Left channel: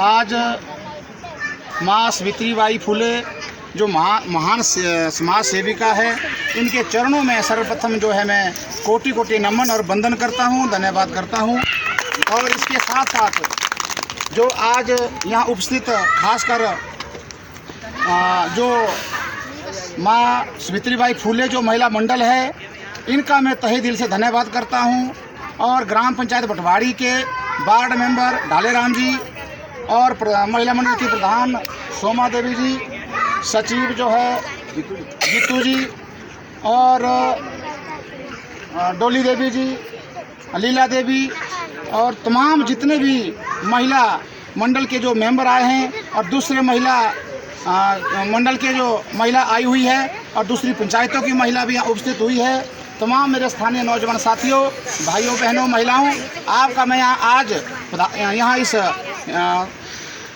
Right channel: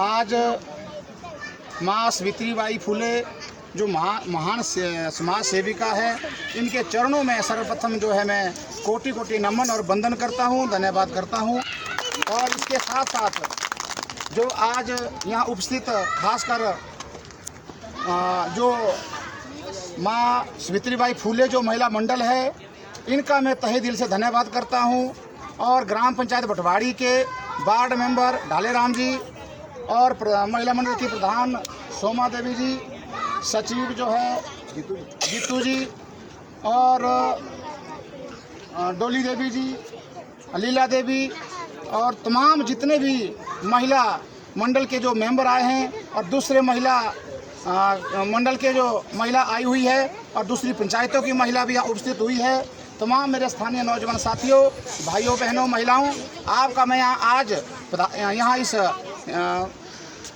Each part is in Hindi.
आज माँ सावित्रीबाई फुले जो महान समाज सेविका है, इनके चरणों में सर्वप्रथम जो है मैं कोटि कोटि नमन और वंदन करता हूँ, धन्यवाद करता हूँ। और इसके साथ साथ जो आज यहाँ उपस्थित खासकर जो माँ सावित्रीबाई फुले जो महिला मंडल है, इनका मैं तहे दिल से धन्यवाद करता हूँ। और ग्राम पंचायत बटवाड़ी के वार्ड मेंबर ढालेराम जी और महिला मंडल की प्रधान सोमा देवी जी, सचिव जो है जीतू जी और डोली देवी जी, लीला देवी और तमाम जितने भी महिला मंडल के जो मेंबर आए हैं और दूसरे महिला मंडल के जो महिला आई हुई है और दूसरी पंचायतों की महिला भी यहाँ उपस्थित हुई है, तमाम मेरे स्थानीय नौजवान साथियों, भाइयों बहनों, महिलाओं, आपका मैं यहाँ इस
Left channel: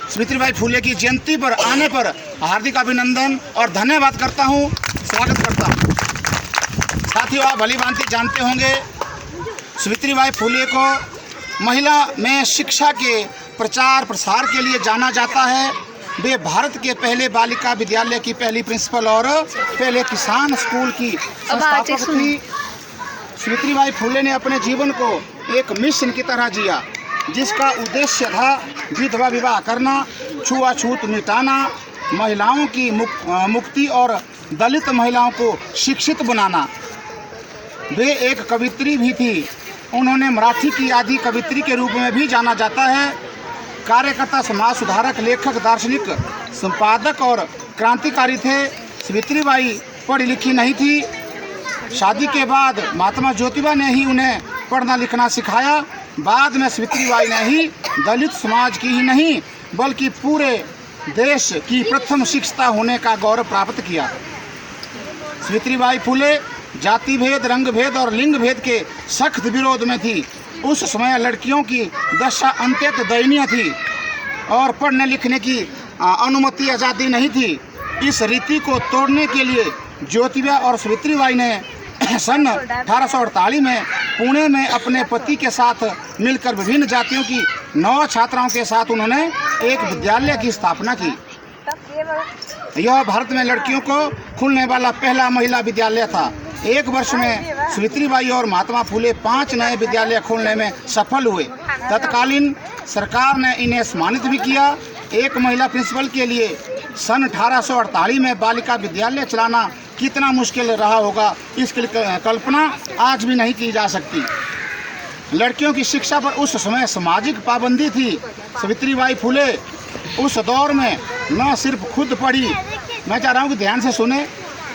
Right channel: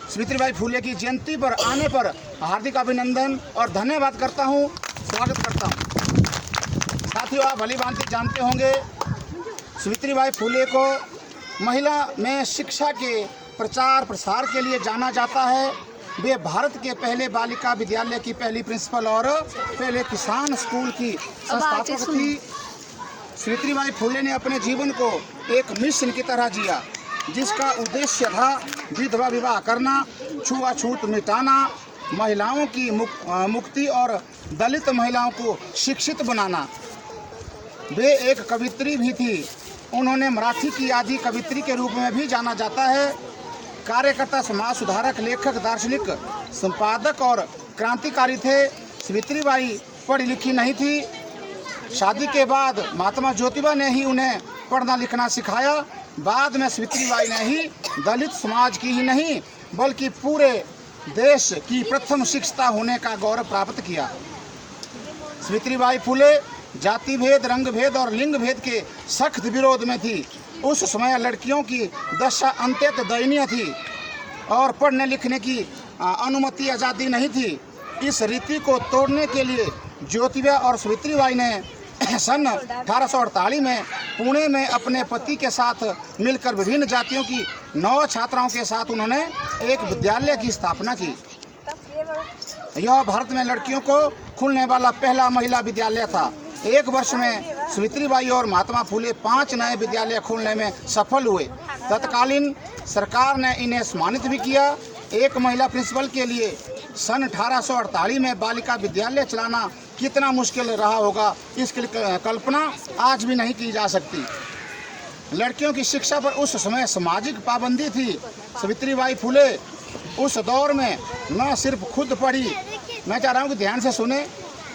सावित्रीबाई फुले की जयंती पर आने पर हार्दिक अभिनंदन और धन्यवाद करता हूँ, स्वागत करता हूँ। साथियों, आप भली भांति जानते होंगे सावित्रीबाई फुले को महिला में शिक्षा के प्रचार प्रसार के लिए जाना जाता है। वे भारत के पहले बालिका विद्यालय की पहली प्रिंसिपल और पहले किसान स्कूल की संस्थापक थी। सावित्रीबाई फुले ने अपने जीवन को एक मिशन की तरह जिया, जिसका उद्देश्य था विधवा विवाह करना, छुआछूत मिटाना, महिलाओं की मुक्ति और दलित महिलाओं को शिक्षित बनाना। वे एक कवित्री भी थी। उन्होंने मराठी की आदि कवित्री के रूप में भी जाना जाता है। कार्यकर्ता, समाज सुधारक, लेखक, दार्शनिक, संपादक और क्रांतिकारी थे। सावित्रीबाई पढ़ी लिखी नहीं थी। शादी के बाद महात्मा ज्योतिबा ने ही उन्हें पढ़ना लिखना सिखाया। बाद में सावित्रीबाई ने ही दलित समाज की ही नहीं बल्कि पूरे देश की प्रथम शिक्षिता होने का गौरव प्राप्त किया। सावित्रीबाई फुले जाति भेद, रंग भेद और लिंग भेद के सख्त विरोध में थी। उस समय लड़कियों की दशा अत्यंत दयनीय थी और पढ़ने लिखने की अनुमति आज़ादी नहीं थी। इस रीति को तोड़ने के लिए ज्योतिबा और सावित्रीबाई ने सन 1848 में पुणे में अपने पति के साथ मिलकर विभिन्न जातियों की 9 छात्राओं के साथ उन्होंने एक विद्यालय की स्थापना की। यह भारत में लड़कियों को खुलने वाला पहला महिला विद्यालय था। एक वर्ष में सावित्रीबाई और महात्मा फुले 5 नए विद्यालय खोलने में सफल हुए। तत्कालीन सरकार ने इन्हें सम्मानित भी किया। एक महिला प्रिंसिपल के लिए सन 1848 में बालिका विद्यालय चलाना कितना मुश्किल रहा होगा, इसकी कल्पना आज भी नहीं की जा सकती। लड़कियों की शिक्षा पर उस समय सामाजिक पाबंदी थी। सावित्रीबाई फुले उस दौर में न सिर्फ खुद पढ़ी, मैं चाह रहा हूँ कि ध्यान से सुने,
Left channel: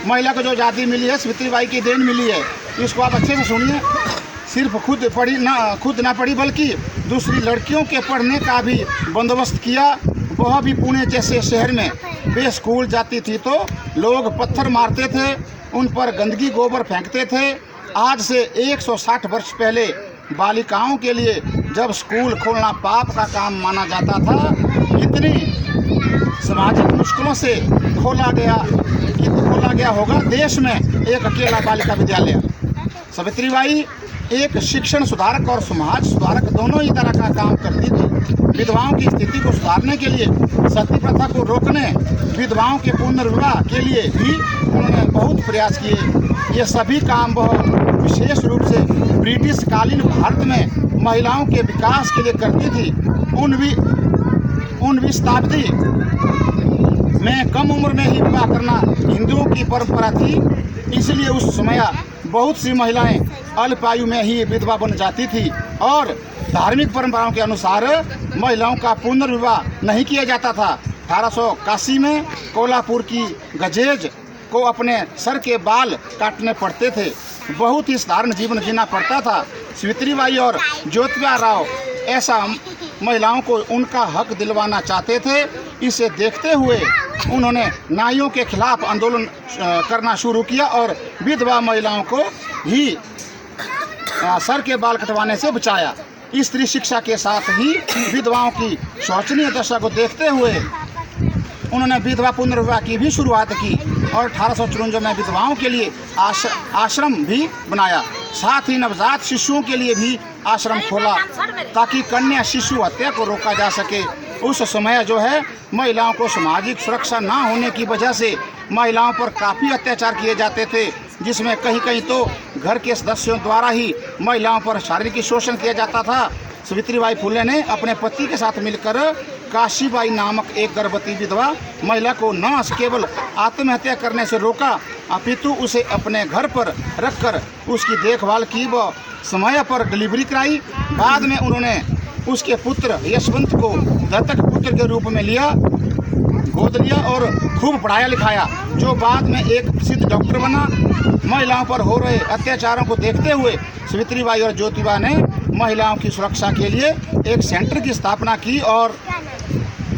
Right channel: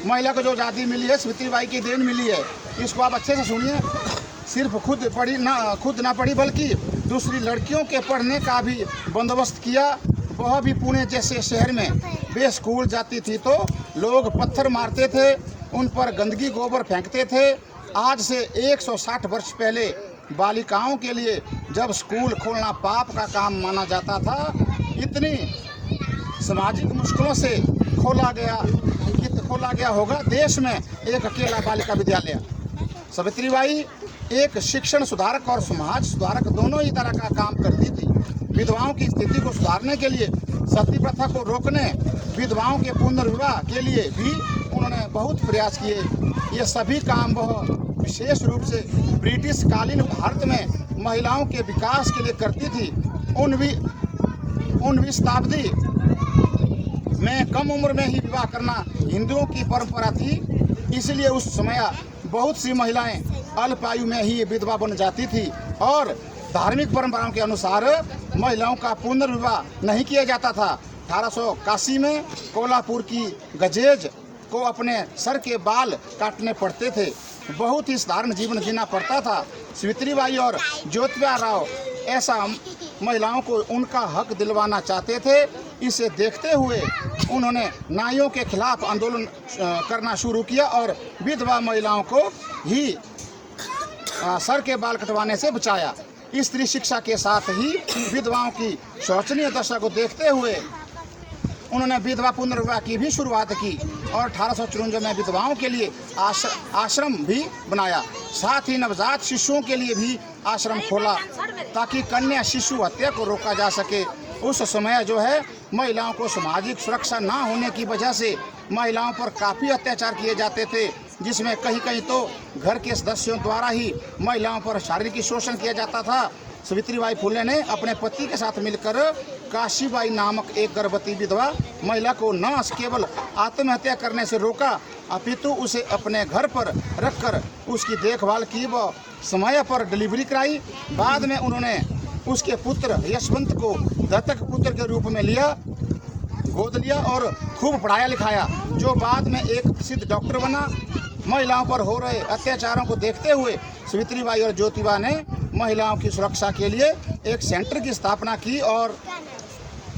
महिला को जो आज़ादी मिली है सावित्रीबाई की देन मिली है, इसको आप अच्छे से सुनिए। सिर्फ खुद ना पढ़ी बल्कि दूसरी लड़कियों के पढ़ने का भी बंदोबस्त किया, वह भी पुणे जैसे शहर में। वे स्कूल जाती थी तो लोग पत्थर मारते थे, उन पर गंदगी गोबर फेंकते थे। आज से 160 वर्ष पहले बालिकाओं के लिए जब स्कूल खोलना पाप का काम माना जाता था, इतनी सामाजिक मुश्किलों से खोला गया होगा देश में एक अकेला बालिका विद्यालय। सावित्रीबाई एक शिक्षण सुधारक और समाज सुधारक दोनों ही तरह का काम करती थी। विधवाओं की स्थिति को सुधारने के लिए, सती प्रथा को रोकने, विधवाओं के पुनर्विवाह के लिए भी उन्होंने बहुत प्रयास किए। ये सभी काम वह विशेष रूप से ब्रिटिश कालीन भारत में महिलाओं के विकास के लिए करती थी। 19वीं शताब्दी में कम उम्र में ही विवाह करना हिंदुओं की परंपरा थी, इसलिए उस समय बहुत सी महिलाएं अल्प आयु में ही विधवा बन जाती थी और धार्मिक परंपराओं के अनुसार महिलाओं का पुनर्विवाह नहीं किया जाता था। 1881 में कोल्हापुर की गजेज को अपने सर के बाल काटने पड़ते थे। बहुत ही साधारण जीवन जीना पड़ता था। सावित्रीबाई और ज्योतिबा राव ऐसा महिलाओं को उनका हक दिलवाना चाहते थे। इसे देखते हुए उन्होंने नाइयों के खिलाफ आंदोलन करना शुरू किया और विधवा महिलाओं को ही सर के बाल कटवाने से बचाया। स्त्री शिक्षा के साथ ही विधवाओं की शोचनीय दशा को देखते हुए उन्होंने विधवा पुनर्विवाह की भी शुरुआत की और 1854 में विधवाओं के लिए आश्रम भी बनाया। साथ ही नवजात शिशुओं के लिए भी आश्रम खोला ताकि कन्या शिशु हत्या को रोका जा सके। उस समय जो है महिलाओं को सामाजिक सुरक्षा ना होने की वजह से महिलाओं पर काफ़ी अत्याचार किए जाते थे, जिसमें कहीं कहीं तो घर के सदस्यों द्वारा ही महिलाओं पर शारीरिक शोषण किया जाता था। सावित्रीबाई फुले ने अपने पति के साथ मिलकर काशीबाई नामक एक गर्भवती विधवा महिला को न केवल आत्महत्या करने से रोका अपितु उसे अपने घर पर रखकर उसकी देखभाल की व समय पर डिलीवरी कराई। बाद में उन्होंने उसके पुत्र यशवंत को दत्तक पुत्र के रूप में गोद लिया और खूब पढ़ाया लिखाया, जो बाद में एक प्रसिद्ध डॉक्टर बना। महिलाओं पर हो रहे अत्याचारों को देखते हुए सावित्रीबाई और ज्योतिबा ने महिलाओं की सुरक्षा के लिए एक सेंटर की स्थापना की और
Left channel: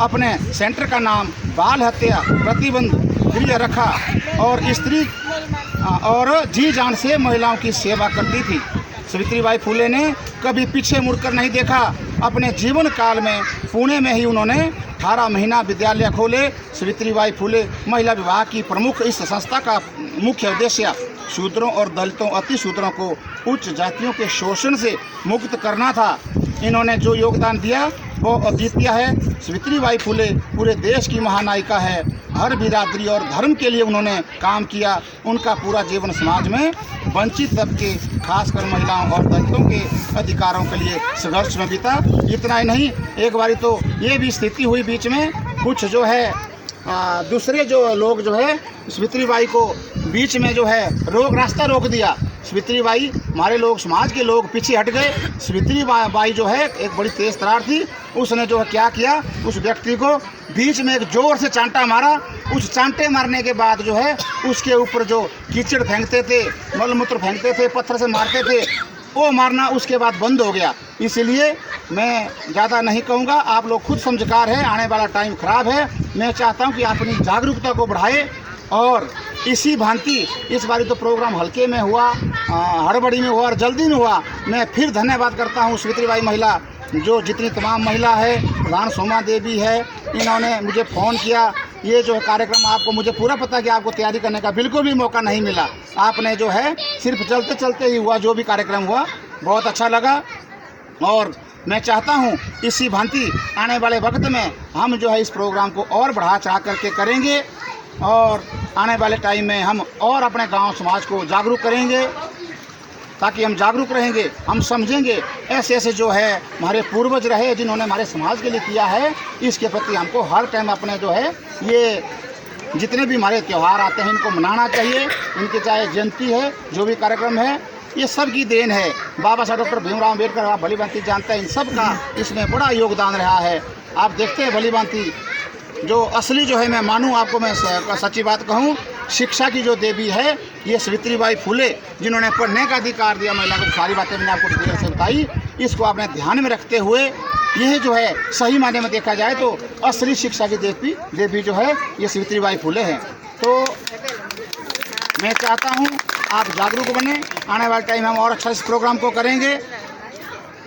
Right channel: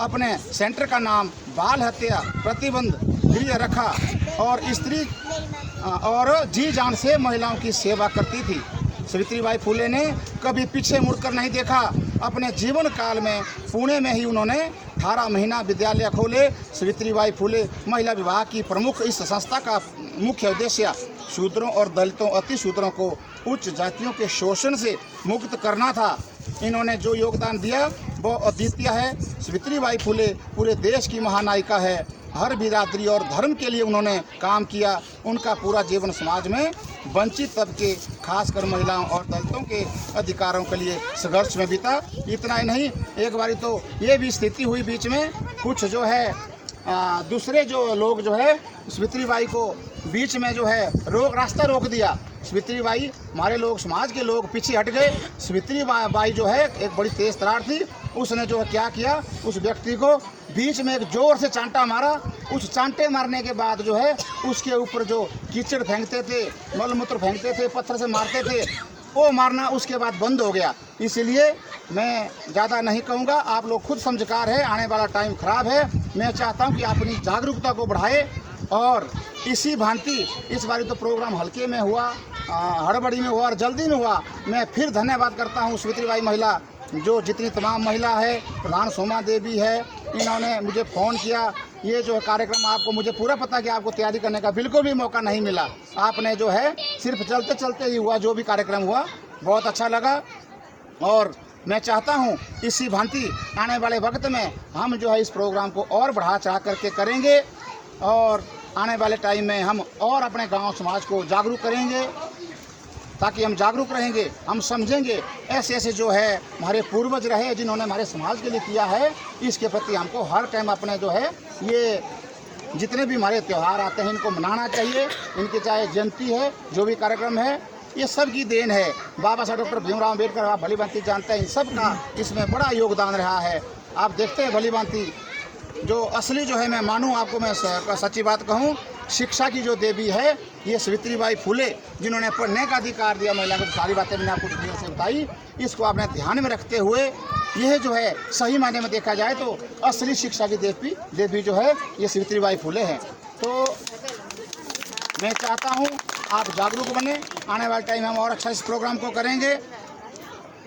अपने सेंटर का नाम बाल हत्या प्रतिबंध गृह रखा और स्त्री और जी जान से महिलाओं की सेवा करती थी। सावित्रीबाई फुले ने कभी पीछे मुड़कर नहीं देखा। अपने जीवन काल में पुणे में ही उन्होंने 18 महीना विद्यालय खोले। सावित्रीबाई फुले महिला विभाग की प्रमुख इस संस्था का मुख्य उद्देश्य शूद्रों और दलितों अति शूद्रों को उच्च जातियों के शोषण से मुक्त करना था। इन्होंने जो योगदान दिया वो अद्वितीय है। सावित्रीबाई फुले पूरे देश की महानायिका है। हर बिरादरी और धर्म के लिए उन्होंने काम किया। उनका पूरा जीवन समाज में वंचित तबके खासकर महिलाओं और दलितों के अधिकारों के लिए संघर्ष में बीता। इतना ही नहीं, एक बारी तो ये भी स्थिति हुई बीच में कुछ जो है दूसरे जो लोग जो है सावित्रीबाई को बीच में जो है रास्ता रोक दिया। सावित्रीबाई हमारे लोग समाज के लोग पीछे हट गए। सावित्रीबाई जो है एक बड़ी तेज तरार थी। उसने जो है क्या किया, उस व्यक्ति को बीच में एक जोर से चांटा मारा। उस चांटे मारने के बाद जो है उसके ऊपर जो कीचड़ फेंकते थे, मलमूत्र फेंकते थे, पत्थर से मारते थे, वो मारना उसके बाद बंद हो गया। इसलिए मैं ज़्यादा नहीं कहूँगा, आप लोग खुद समझकार है, आने वाला टाइम ख़राब है। मैं चाहता हूँ कि आप अपनी जागरूकता को बढ़ाएं और इसी भांति इस बारी तो प्रोग्राम हल्के में हुआ, हड़बड़ी में हुआ और जल्दी में हुआ। मैं फिर धन्यवाद करता हूँ सावित्रीबाई महिला जो जितनी तमाम महिला है, प्रधान सोमा देवी है, इन्होंने मुझे फ़ोन किया। ये जो कार्यक्रम आपको मुझे पूरा पता है कि आपको तैयारी करने का बिल्कुल भी मौका नहीं मिला। आपने जो है सिर्फ चलते चलते ही हुआ, जो भी कार्यक्रम हुआ बहुत अच्छा लगा। और मैं चाहता हूँ इसी भांति आने वाले वक्त में हम जो है इस प्रोग्राम को और बढ़ा चढ़ा करके करेंगे और आने वाले टाइम में हम और अपने गांव समाज को जागरूक करेंगे। ताकि हम जागरूक रहेंगे, हम समझेंगे ऐसे ऐसे जो है हमारे पूर्वज रहे जिन्होंने हमारे समाज के लिए किया है, इसके प्रति हमको हर टाइम अपने जो है ये जितने भी हमारे त्यौहार आते हैं इनको मनाना चाहिए। इनकी चाहे जयंती है, जो भी कार्यक्रम है, ये सब की देन है। बाबा साहब डॉक्टर भीमराव अम्बेडकर आप भली भांति जानते हैं, इन सब का इसमें बड़ा योगदान रहा है। आप देखते हैं भली भांति जो असली जो है, मैं मानूँ आपको, मैं सच्ची बात कहूँ, शिक्षा की जो देवी है ये सावित्रीबाई फुले, जिन्होंने पढ़ने का अधिकार दिया महिला को। सारी बातें मैंने आपको डिटेल से बताई, इसको आपने ध्यान में रखते हुए यह जो है सही मायने में देखा जाए तो असली शिक्षा की देवी जो है ये सावित्रीबाई फुले हैं। तो मैं चाहता हूँ आप जागरूक बने, आने वाले टाइम हम और अच्छा इस प्रोग्राम को करेंगे।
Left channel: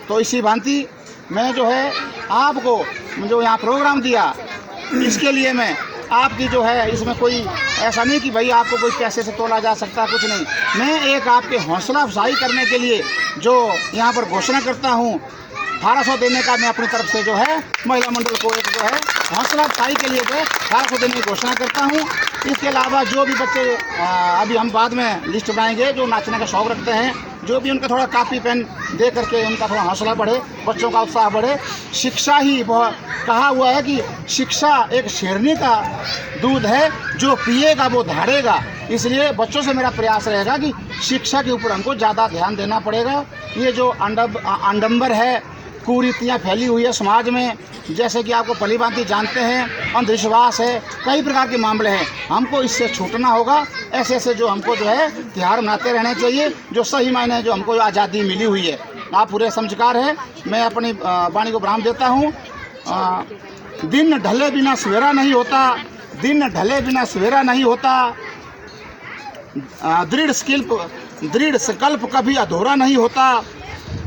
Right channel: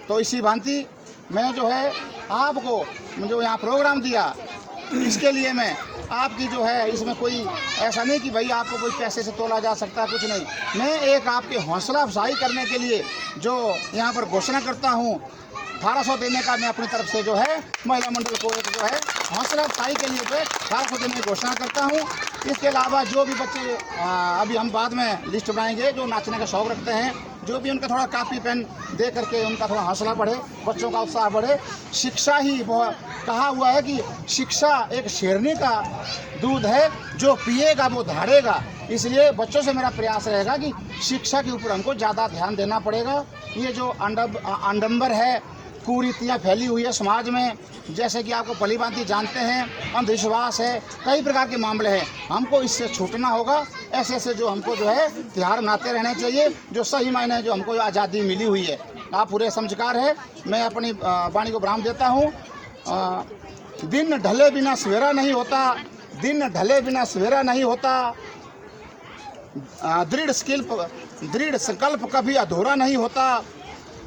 तो इसी भांति मैं जो है आपको जो यहाँ प्रोग्राम दिया, इसके लिए मैं आपकी जो है इसमें कोई ऐसा नहीं कि भाई आपको कोई पैसे से तोला जा सकता, कुछ नहीं। मैं एक आपके हौसला अफजाई करने के लिए जो यहाँ पर घोषणा करता हूँ, 1800 देने का मैं अपनी तरफ से जो है महिला मंडल को एक जो है हौसला अफजाई के लिए जो है 1800 देने की घोषणा करता हूँ। इसके अलावा जो भी बच्चे अभी हम बाद में लिस्ट बनाएंगे जो नाचने का शौक़ रखते हैं, जो भी उनका थोड़ा कापी पेन दे करके उनका थोड़ा हौसला बढ़े, बच्चों का उत्साह बढ़े। शिक्षा ही कहा हुआ है कि शिक्षा एक शेरनी का दूध है, जो पिएगा वो धाड़ेगा। इसलिए बच्चों से मेरा प्रयास रहेगा कि शिक्षा के ऊपर हमको ज़्यादा ध्यान देना पड़ेगा। ये जो आडंबर है, कुरीतियाँ फैली हुई है समाज में, जैसे कि आपको भली भांति जानते हैं, अंधविश्वास है, कई प्रकार के मामले हैं, हमको इससे छूटना होगा। ऐसे ऐसे जो हमको जो है त्यौहार मनाते रहने चाहिए, जो सही मायने जो हमको आज़ादी मिली हुई है। आप पूरे समझकार है। मैं अपनी वाणी को विराम देता हूँ। दिन ढले बिना सवेरा नहीं होता, दिन ढले बिना सवेरा नहीं होता, दृढ़ संकल्प कभी अधूरा नहीं होता,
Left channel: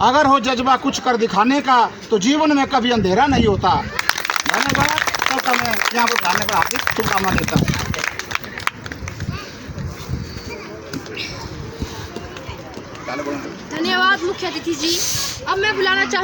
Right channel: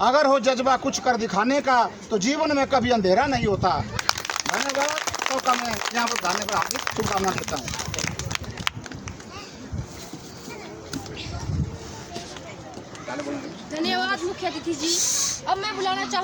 अगर हो जज्बा कुछ कर दिखाने का तो जीवन में कभी अंधेरा नहीं होता। धन्यवाद। महोत्सव का मैं यहाँ पर उद्घाटन पर हार्दिक शुभकामना देता हूँ। धन्यवाद मुख्य अतिथि जी। अब मैं बुलाना चाहूँगा